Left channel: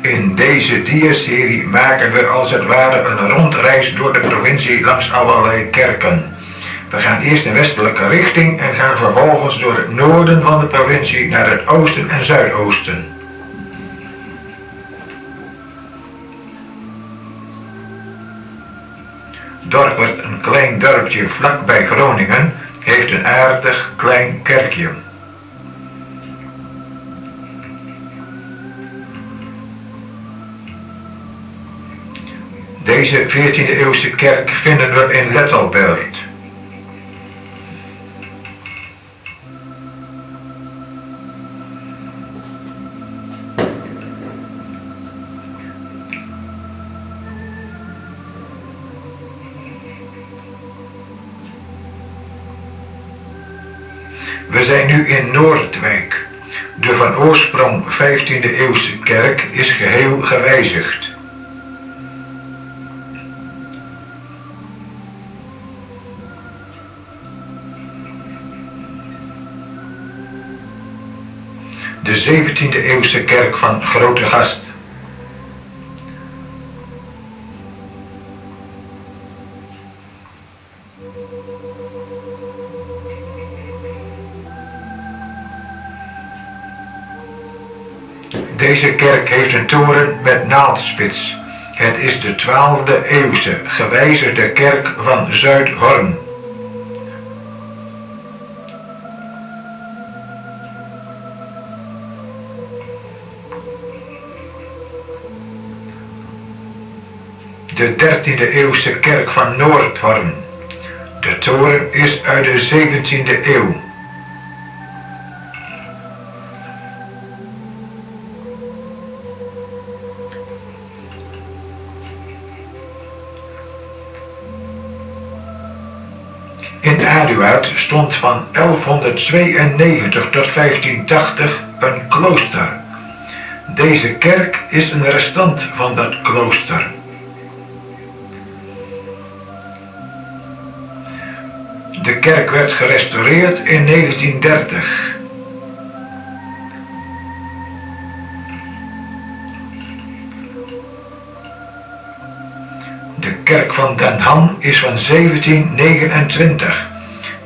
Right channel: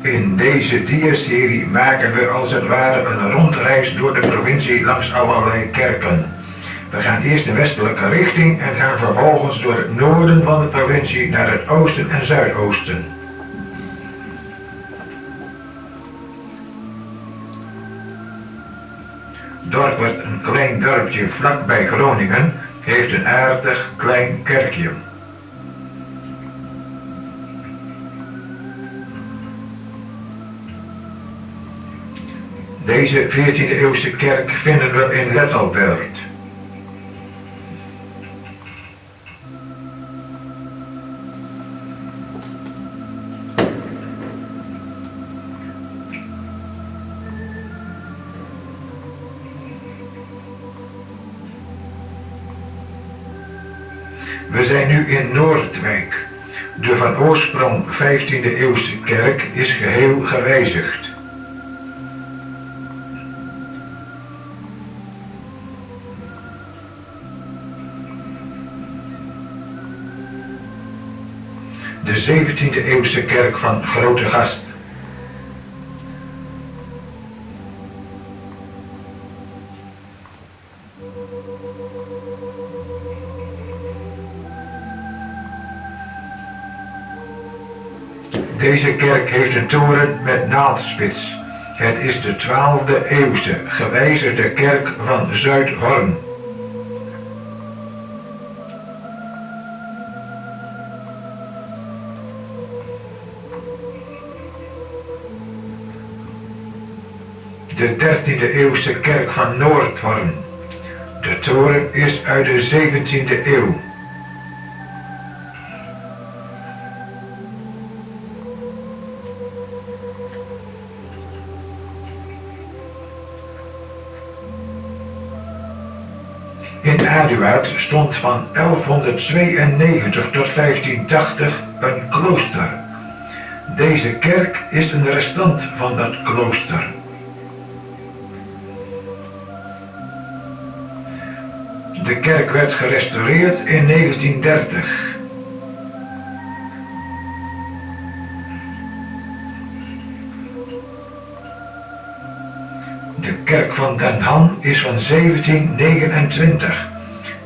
In deze diaserie maken we als het ware een rondreis door de provincie langs allerlei kerken. We gaan eerst in westelijke richting en gaan vervolgens door het noorden van de provincie naar het oosten en zuidoosten. Dorpert, een klein dorpje vlakbij Groningen, heeft een aardig klein kerkje. Deze 14e eeuwse kerk vinden we in Lettelbert. We zijn nu in Noordwijk. De van oorsprong 15e eeuwse kerk is geheel gewijzigd. De 17e eeuwse kerk van Grootegast. Deze kerk heeft een toren met naaldspits. Het is de 12e eeuwse gewijzigde kerk van Zuidhorn. De 13e eeuwse kerk van Noordhorn. De toren is uit de 17e eeuw. In Aduard stond van 1192 tot 1580 een klooster. Deze kerk is een restant van dat klooster. De kerk werd gerestaureerd in 1930. De kerk van Den Ham is van 1729.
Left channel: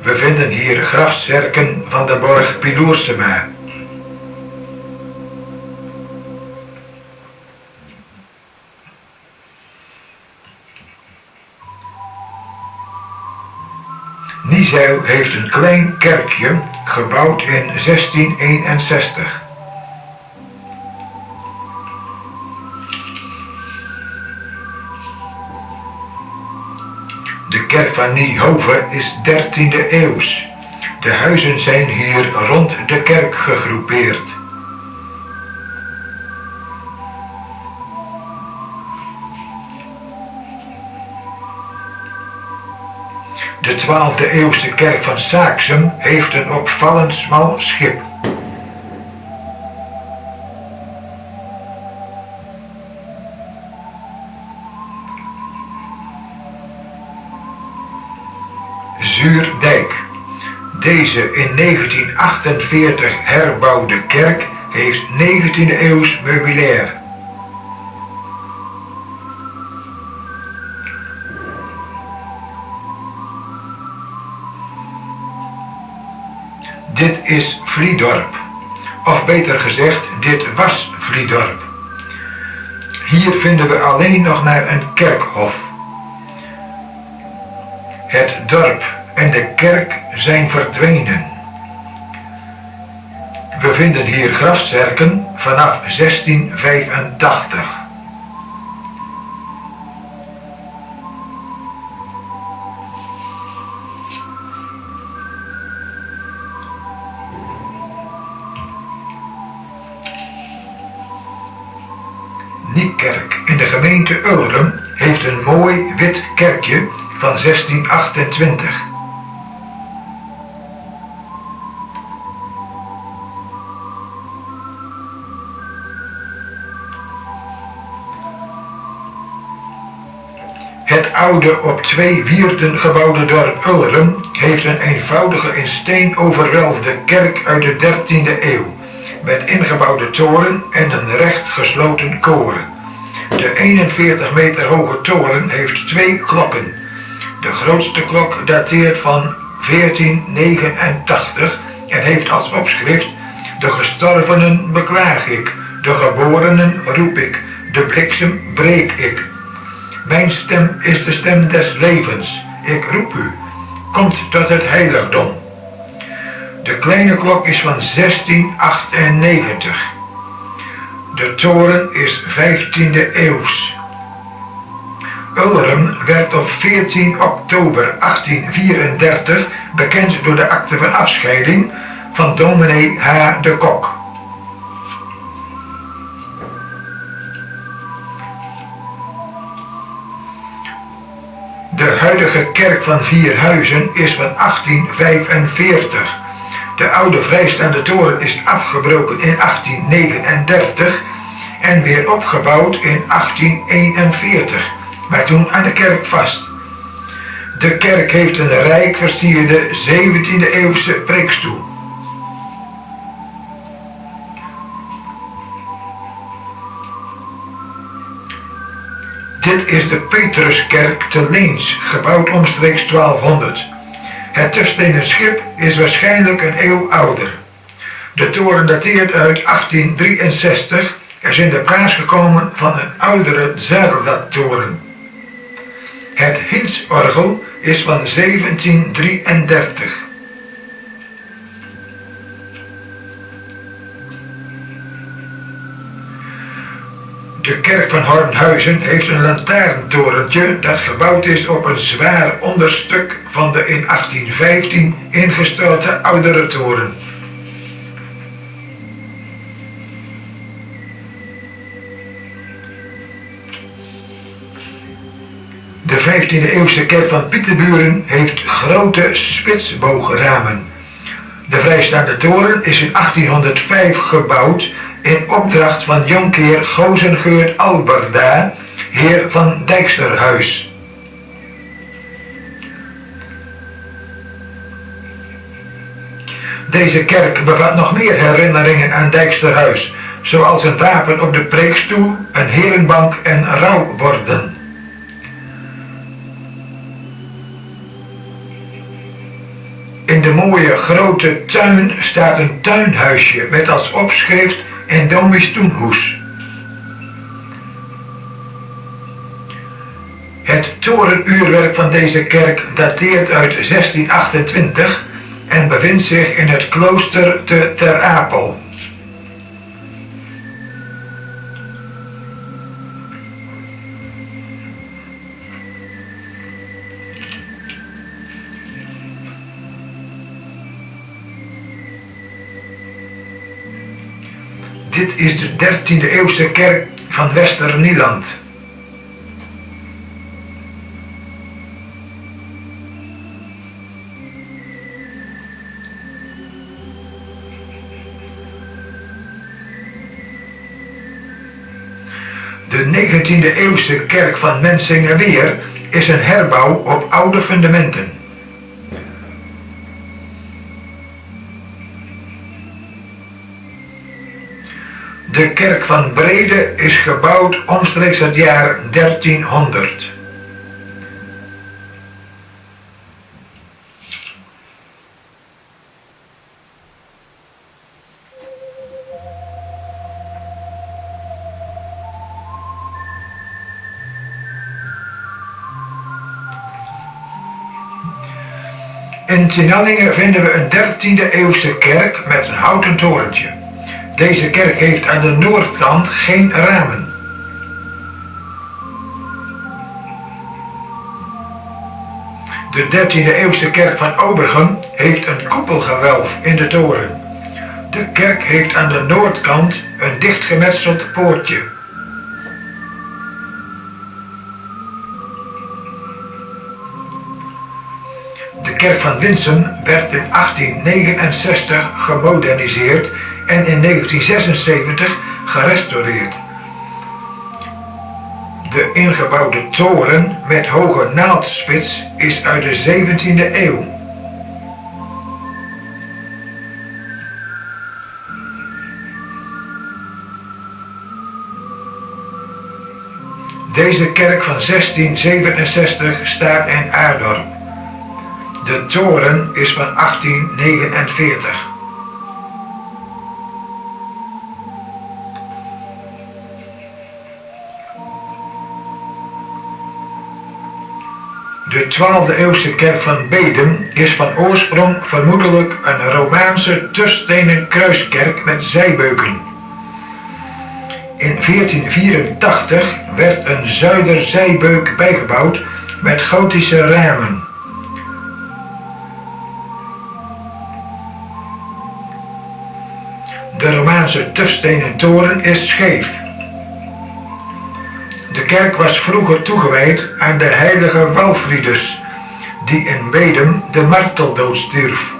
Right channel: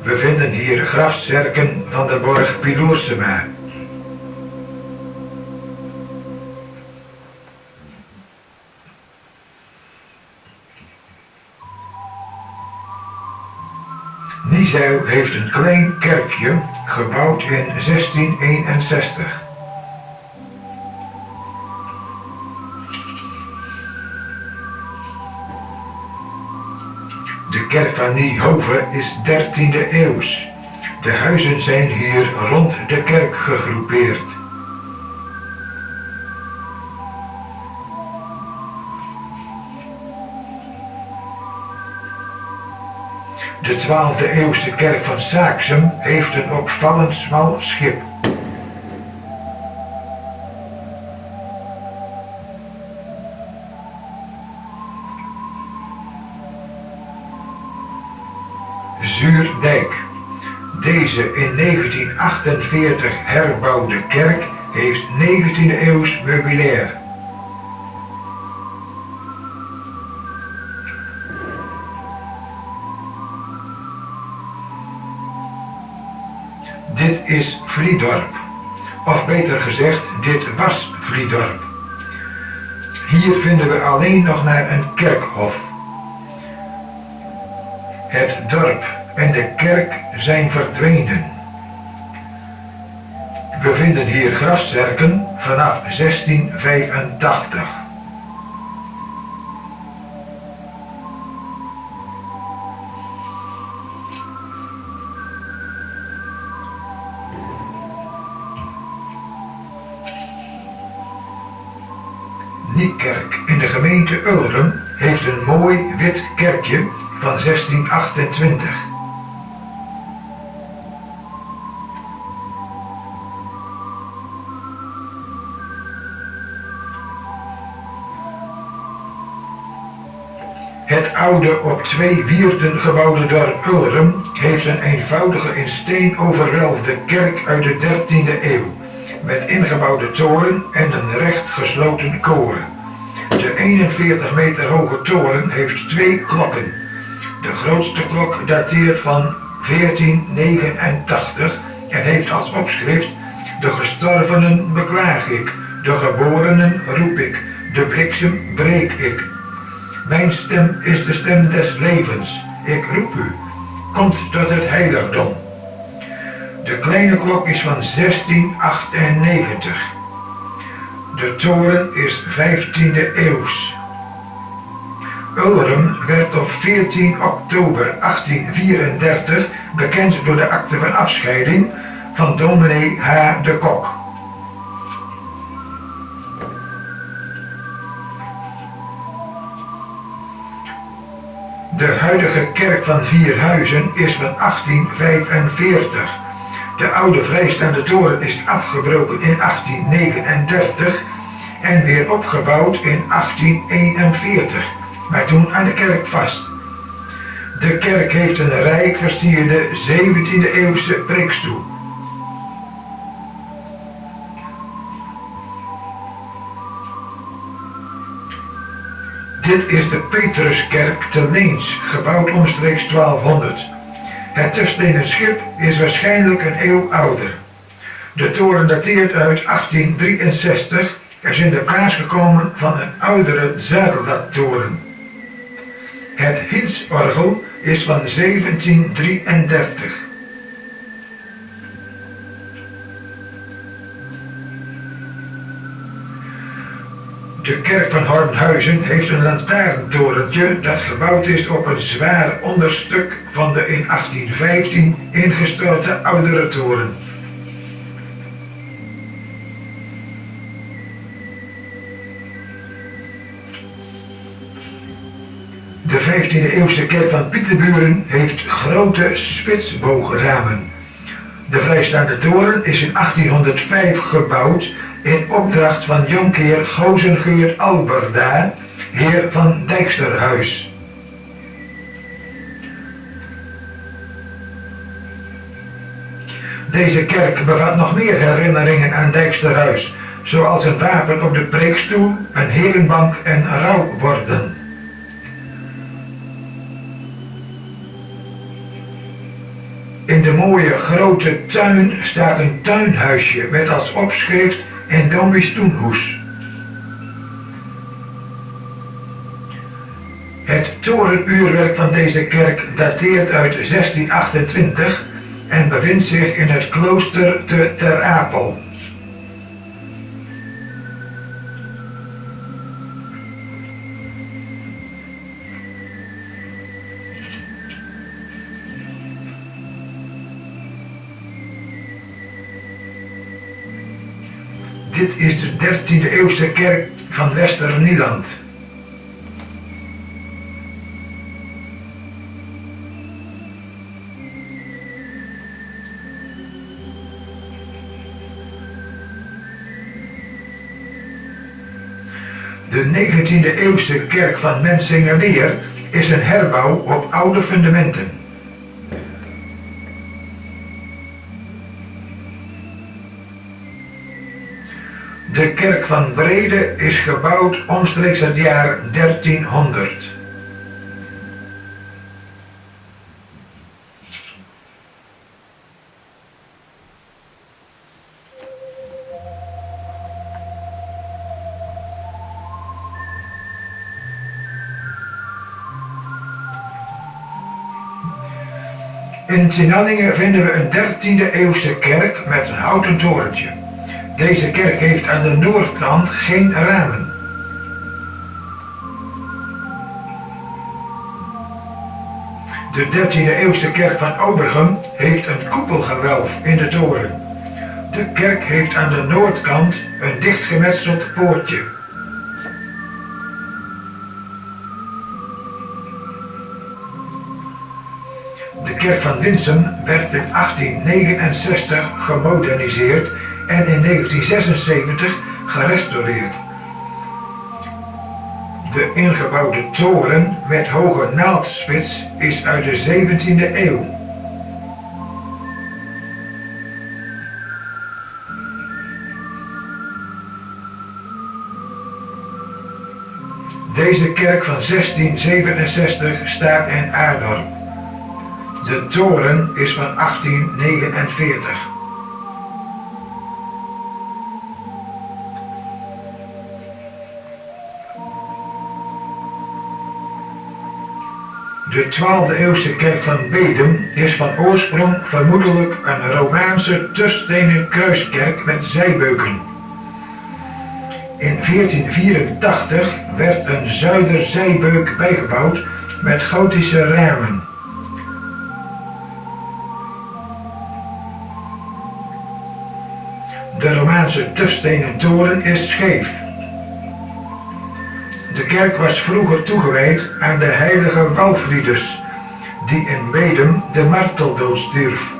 We vinden hier grafzerken van de borg Piloorsema. Niezijl heeft een klein kerkje gebouwd in 1661. De kerk van Niehove is 13e eeuws. De huizen zijn hier rond de kerk gegroepeerd. De 12e eeuwse kerk van Saaksum heeft een opvallend smal schip. Zuurdijk. Deze in 1948 herbouwde kerk heeft 19e eeuws meubilair. Dit is Vliedorp, of beter gezegd, dit was Vliedorp. Hier vinden we alleen nog maar een kerkhof. Het dorp en de kerk zijn verdwenen. We vinden hier grafzerken vanaf 1685. Niekerk in de gemeente Ulrum heeft een mooi wit kerkje van 1628. Het oude op 2 wierden gebouwde dorp Ulrum heeft een eenvoudige in steen overwelfde kerk uit de 13e eeuw. met ingebouwde toren en een recht gesloten koren. De 41 meter hoge toren heeft 2 klokken. De grootste klok dateert van 1489 en heeft als opschrift: de gestorvenen beklaag ik, de geborenen roep ik, de bliksem breek ik. Mijn stem is de stem des levens, ik roep u, komt tot het heiligdom. De kleine klok is van 1698. De toren is 15e eeuws. Ulrum werd op 14 oktober 1834 bekend door de akte van afscheiding van dominee H. de Kok. De huidige kerk van Vierhuizen is van 1845. De oude vrijstaande toren is afgebroken in 1839 en weer opgebouwd in 1841, maar toen aan de kerk vast. De kerk heeft een rijk versierde 17e eeuwse preekstoel. Dit is de Petruskerk te Leens, gebouwd omstreeks 1200. Het tufstenen schip is waarschijnlijk een eeuw ouder. De toren dateert uit 1863 en is in de plaats gekomen van een oudere zadeldaktoren. Het Hinsorgel is van 1733. De kerk van Hornhuizen heeft een lantaarntorentje dat gebouwd is op een zwaar onderstuk van de in 1815 ingestorte oudere toren. De 15e eeuwse kerk van Pieterburen heeft grote spitsboogramen. De vrijstaande toren is in 1805 gebouwd in opdracht van jonkheer Gozengeurt Alberda, heer van Dijksterhuis. Deze kerk bevat nog meer herinneringen aan Dijksterhuis, zoals een wapen op de preekstoel, een herenbank en rouwborden. In de mooie grote tuin staat een tuinhuisje met als opschrift en Domies Toenhoes. Het torenuurwerk van deze kerk dateert uit 1628 en bevindt zich in het klooster te Ter Apel. Dit is de 13e eeuwse kerk van Westernieland. De 19e eeuwse kerk van Mensingeweer is een herbouw op oude fundamenten. De kerk van Brede is gebouwd omstreeks het jaar 1300. In Tinallingen vinden we een 13e eeuwse kerk met een houten torentje. Deze kerk heeft aan de noordkant geen ramen. De 13e eeuwse kerk van Obergem heeft een koepelgewelf in de toren. De kerk heeft aan de noordkant een dichtgemetseld poortje. De kerk van Winsum werd in 1869 gemoderniseerd en in 1976 gerestaureerd. De ingebouwde toren met hoge naaldspits is uit de 17e eeuw. Deze kerk van 1667 staat in Aardorp. De toren is van 1849. De 12e eeuwse kerk van Bedum is van oorsprong vermoedelijk een Romaanse tusstenen kruiskerk met zijbeuken. In 1484 werd een zuiderzijbeuk bijgebouwd met gotische ramen. De Romaanse tufstenen toren is scheef. De kerk was vroeger toegewijd aan de heilige Walfridus, die in Bedum de marteldood stierf.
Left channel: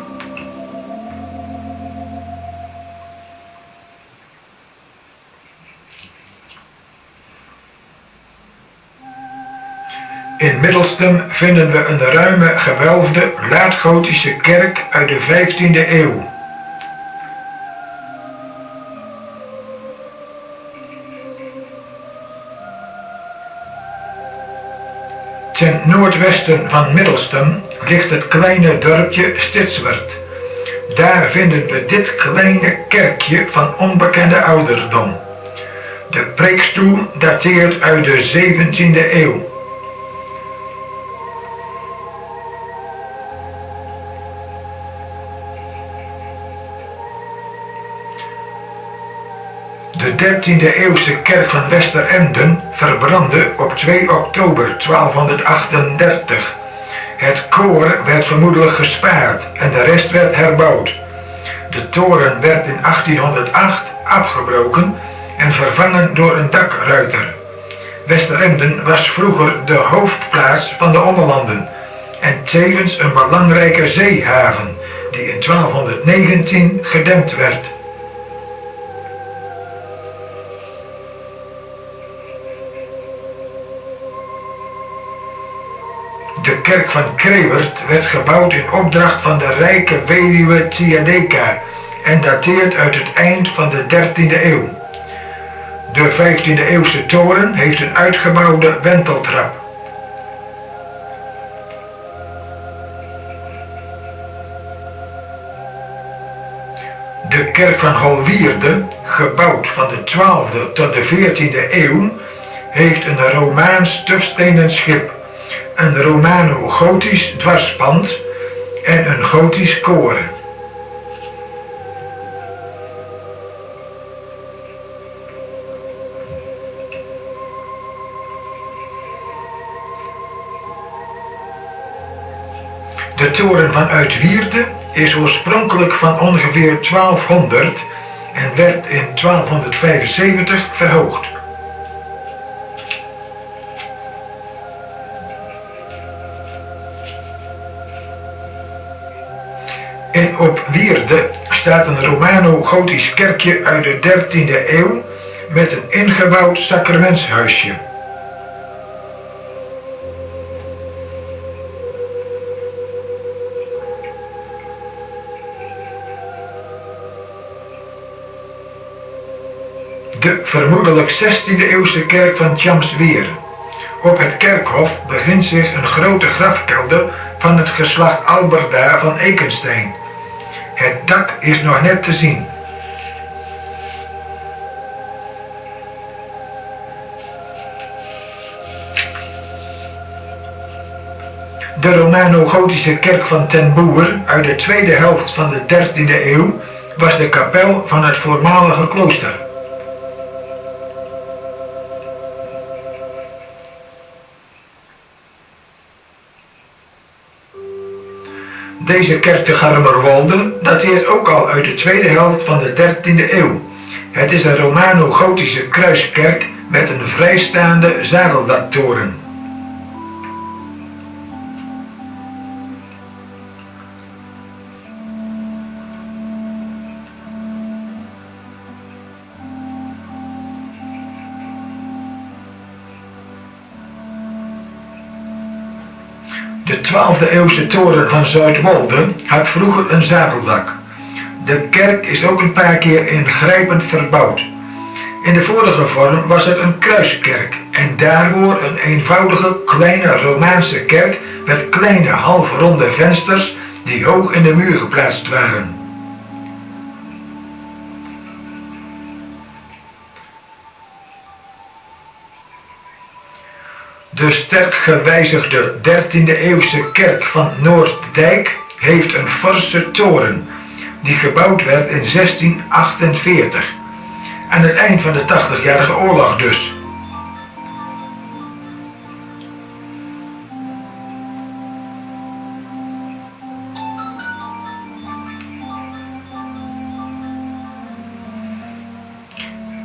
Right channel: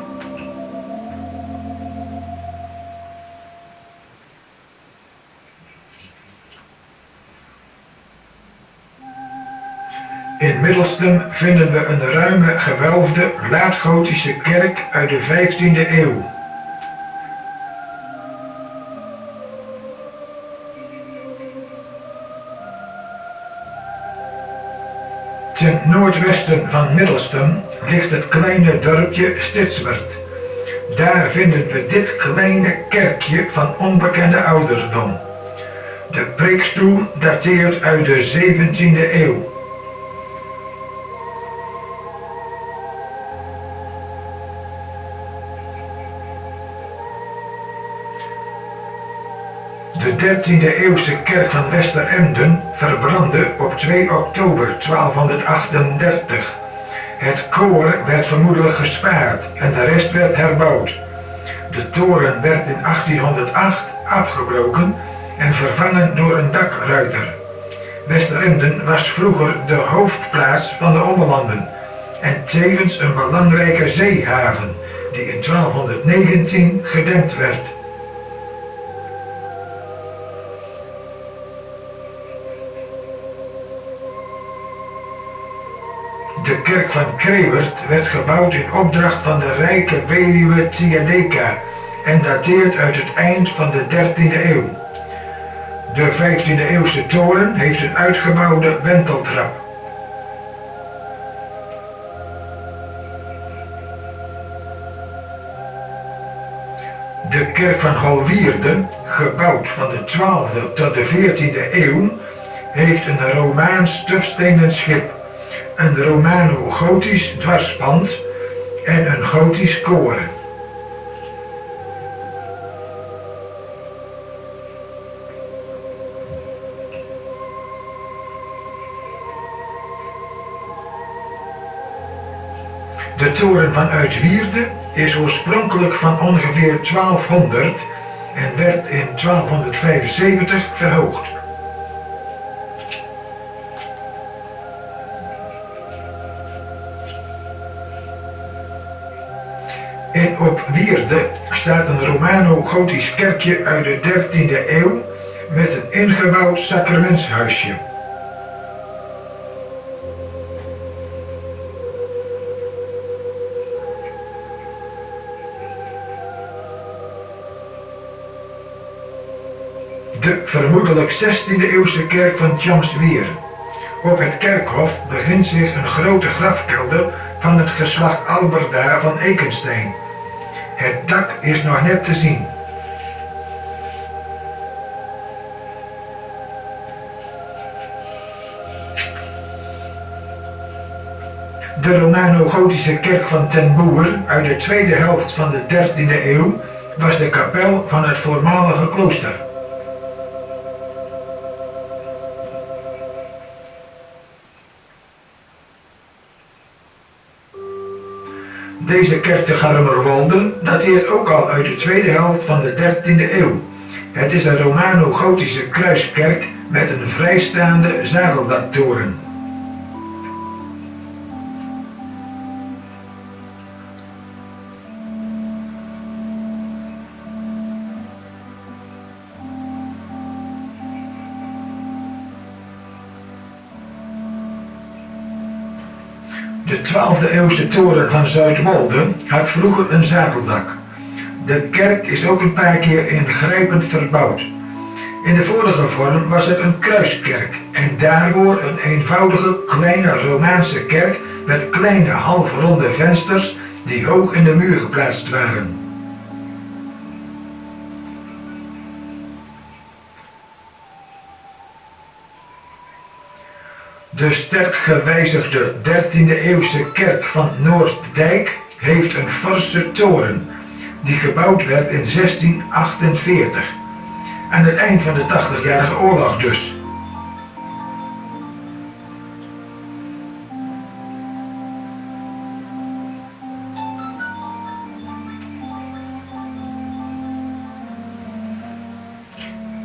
In Middelstum vinden we een ruime gewelfde laatgotische kerk uit de 15e eeuw. Ten noordwesten van Middelstum ligt het kleine dorpje Stitswerd. Daar vinden we dit kleine kerkje van onbekende ouderdom. De preekstoel dateert uit de 17e eeuw. De 13e eeuwse kerk van Westeremden verbrandde op 2 oktober 1238. Het koor werd vermoedelijk gespaard en de rest werd herbouwd. De toren werd in 1808 afgebroken en vervangen door een dakruiter. Westeremden was vroeger de hoofdplaats van de Ommelanden en tevens een belangrijke zeehaven die in 1219 gedempt werd. De kerk van Krewert werd gebouwd in opdracht van de rijke weduwe Tjadeka en dateert uit het eind van de 13e eeuw. De 15e eeuwse toren heeft een uitgebouwde wenteltrap. De kerk van Holwierde, gebouwd van de 12e tot de 14e eeuw, heeft een Romaans tufstenen schip, een Romano-gotisch dwarspand en een gotisch koor. De toren van Uitwierde is oorspronkelijk van ongeveer 1200 en werd in 1275 verhoogd. In Opwierde staat een Romano-gotisch kerkje uit de 13e eeuw met een ingebouwd sacramentshuisje. De vermoedelijk 16e eeuwse kerk van Tjamsweer. Op het kerkhof bevindt zich een grote grafkelder van het geslacht Alberda van Ekenstein. Het dak is nog net te zien. De Romano-gotische kerk van Ten Boer uit de tweede helft van de 13e eeuw was de kapel van het voormalige klooster. Deze kerk te Garmerwolde dateert ook al uit de tweede helft van de 13e eeuw. Het is een Romano-gotische kruiskerk met een vrijstaande zadeldaktoren. De 12e eeuwse toren van Zuidwolde had vroeger een zadeldak. De kerk is ook een paar keer ingrijpend verbouwd. In de vorige vorm was het een kruiskerk en daarvoor een eenvoudige kleine Romaanse kerk met kleine halfronde vensters die hoog in de muur geplaatst waren. De sterk gewijzigde 13e eeuwse kerk van Noorddijk heeft een forse toren die gebouwd werd in 1648, aan het eind van de 80-jarige oorlog dus.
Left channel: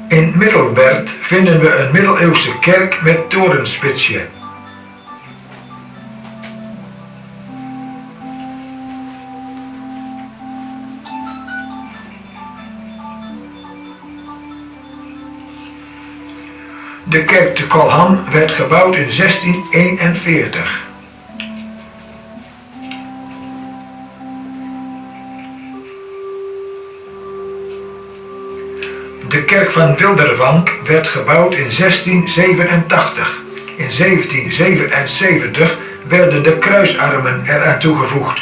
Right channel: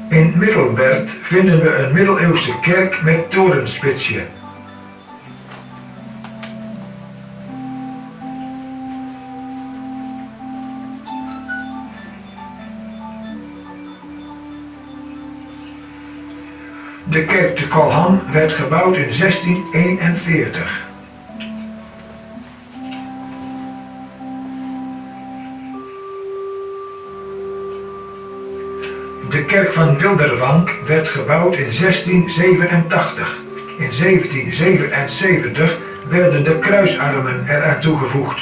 In Middelbert vinden we een middeleeuwse kerk met torenspitsje. De kerk te Kolham werd gebouwd in 1641. De kerk van Wildervank werd gebouwd in 1687. In 1777 werden de kruisarmen eraan toegevoegd.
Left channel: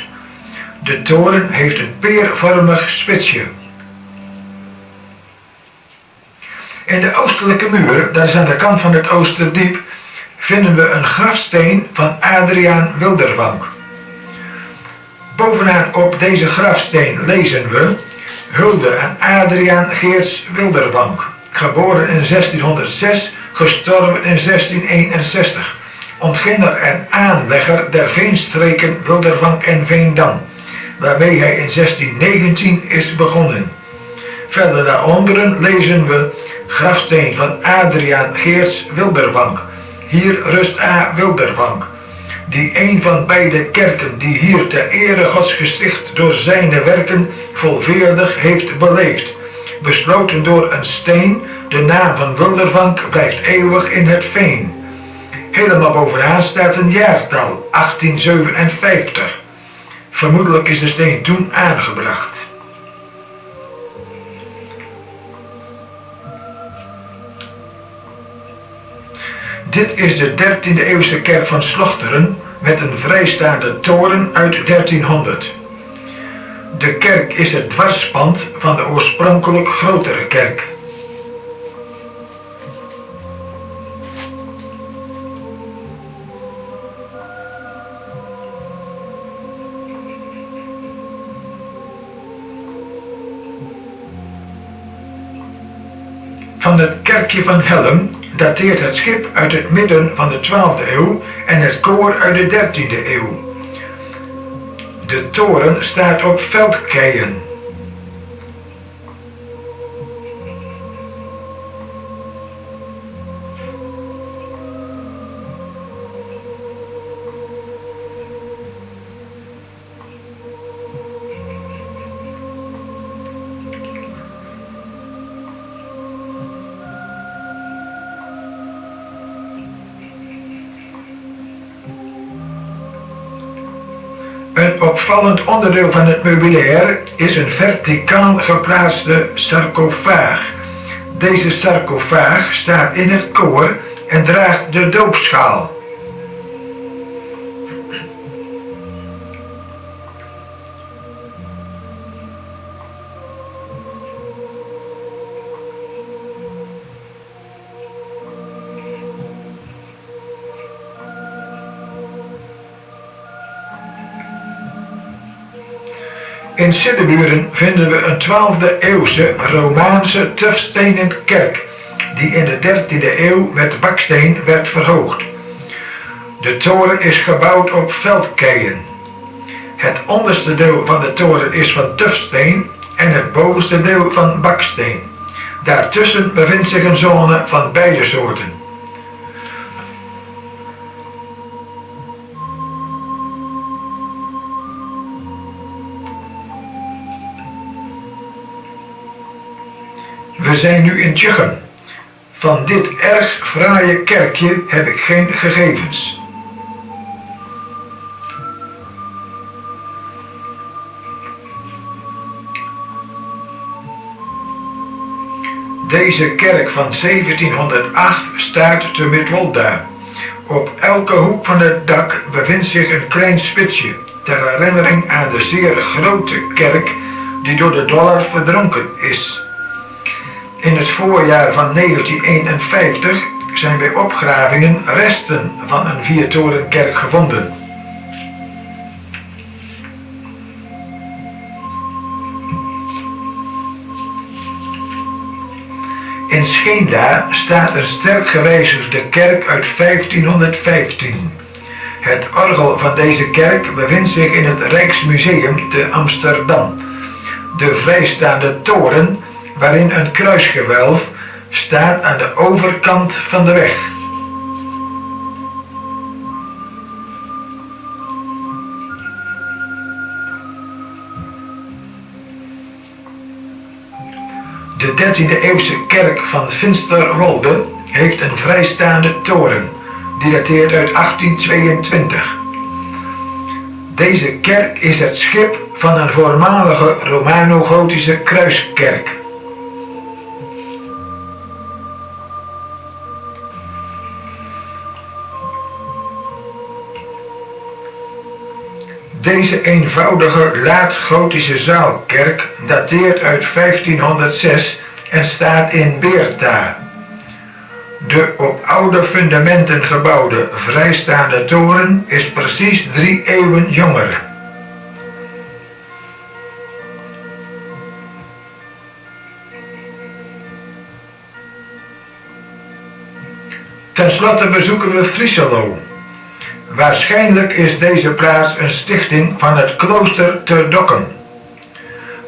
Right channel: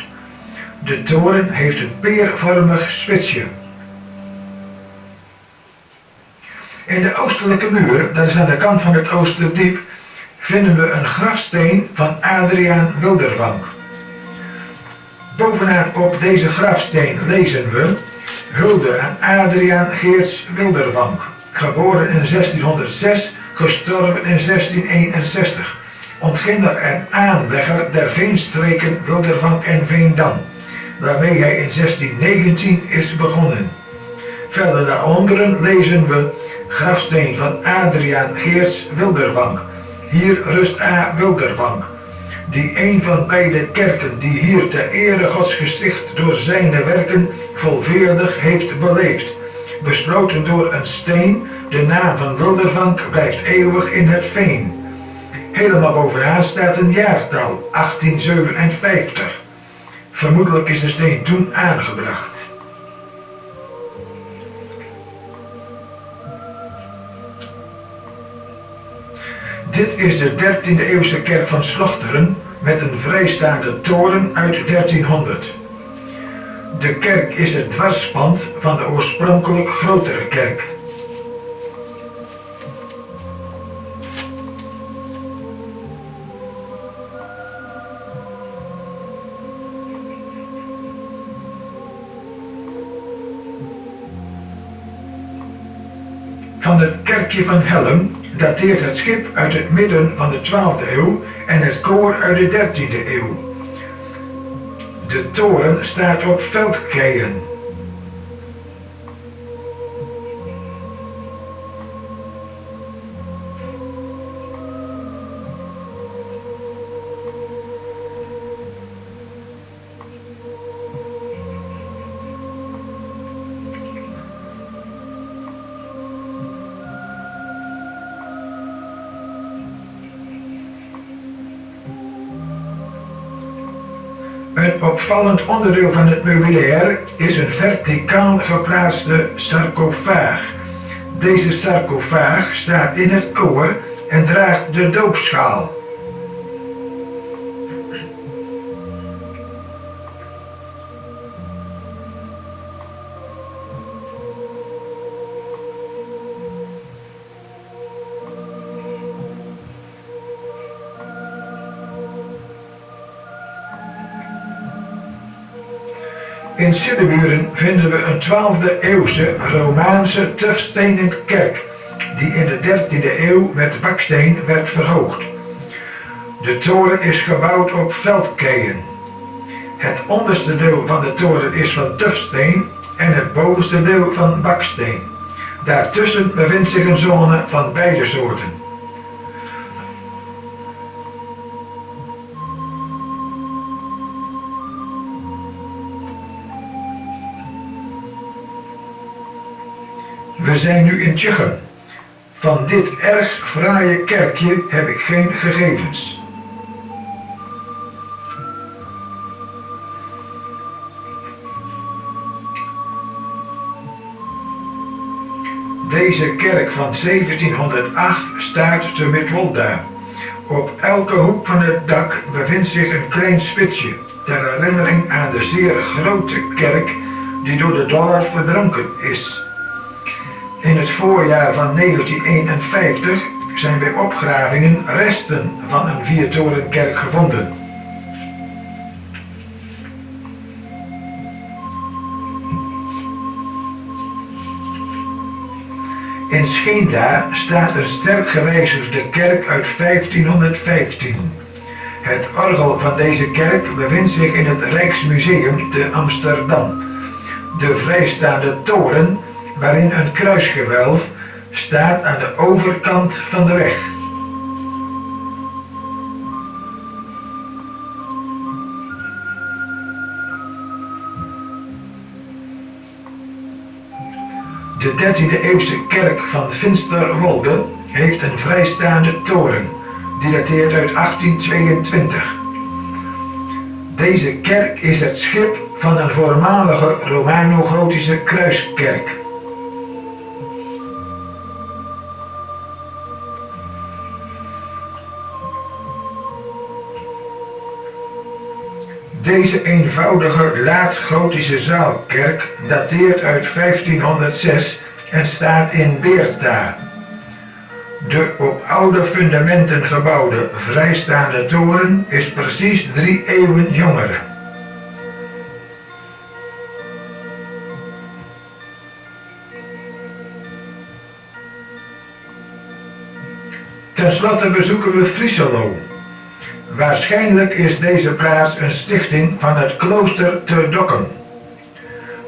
De toren heeft een peervormig spitsje. In de oostelijke muur, dat is aan de kant van het Oosterdiep, vinden we een grafsteen van Adriaan Wildervank. Bovenaan op deze grafsteen lezen we: hulde aan Adriaan Geerts Wildervank, geboren in 1606, gestorven in 1661, ontginner en aanlegger der veenstreken Wildervank en Veendam, waarmee hij in 1619 is begonnen. Verder daaronder lezen we: grafsteen van Adriaan Geerts Wildervank. Hier rust A. Wildervank, die een van beide kerken die hier ter ere Gods gesticht door zijne werken volveerdig heeft beleefd. Besloten door een steen, de naam van Wildervank blijft eeuwig in het veen. Helemaal bovenaan staat een jaartal, 1857. Vermoedelijk is de steen toen aangebracht. Dit is de 13e eeuwse kerk van Slochteren met een vrijstaande toren uit 1300. De kerk is het dwarspand van de oorspronkelijk grotere kerk. Van het kerkje van Helm dateert het schip uit het midden van de 12e eeuw en het koor uit de 13e eeuw. De toren staat op veldkeien. Een opvallend onderdeel van het meubilair is een verticaal geplaatste sarcofaag. Deze sarcofaag staat in het koor en draagt de doopschaal. In Siddeburen vinden we een 12e eeuwse Romaanse tufstenen kerk, die in de 13e eeuw met baksteen werd verhoogd. De toren is gebouwd op veldkeien. Het onderste deel van de toren is van tufsteen en het bovenste deel van baksteen. Daartussen bevindt zich een zone van beide soorten. We zijn nu in Tjuchem. Van dit erg fraaie kerkje heb ik geen gegevens. Deze kerk van 1708 staat te Midwolda. Op elke hoek van het dak bevindt zich een klein spitsje, ter herinnering aan de zeer grote kerk die door de dollar verdronken is. In het voorjaar van 1951 zijn bij opgravingen resten van een viertorenkerk gevonden. In Scheenda staat een sterk gewijzigde kerk uit 1515. Het orgel van deze kerk bevindt zich in het Rijksmuseum te Amsterdam. De vrijstaande toren, waarin een kruisgewelf, staat aan de overkant van de weg. De 13e eeuwse kerk van Finsterwolde heeft een vrijstaande toren, die dateert uit 1822. Deze kerk is het schip van een voormalige Romano-gotische kruiskerk. Deze eenvoudige laat-gotische zaalkerk dateert uit 1506 en staat in Beerta. De op oude fundamenten gebouwde vrijstaande toren is precies 3 eeuwen jonger. Ten slotte bezoeken we Frieselo. Waarschijnlijk is deze plaats een stichting van het klooster te Dokkum.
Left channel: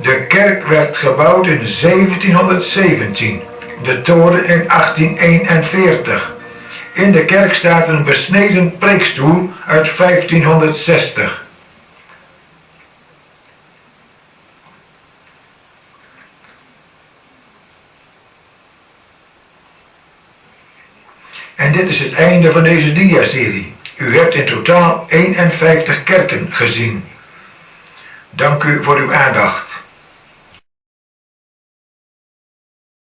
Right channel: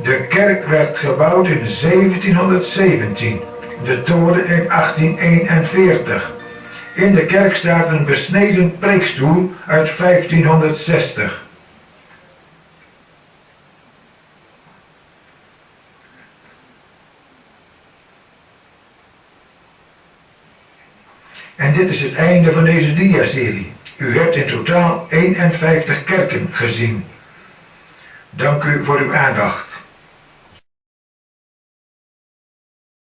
De kerk werd gebouwd in 1717, de toren in 1841. In de kerk staat een besneden preekstoel uit 1560. En dit is het einde van deze diaserie. U hebt in totaal 51 kerken gezien. Dank u voor uw aandacht.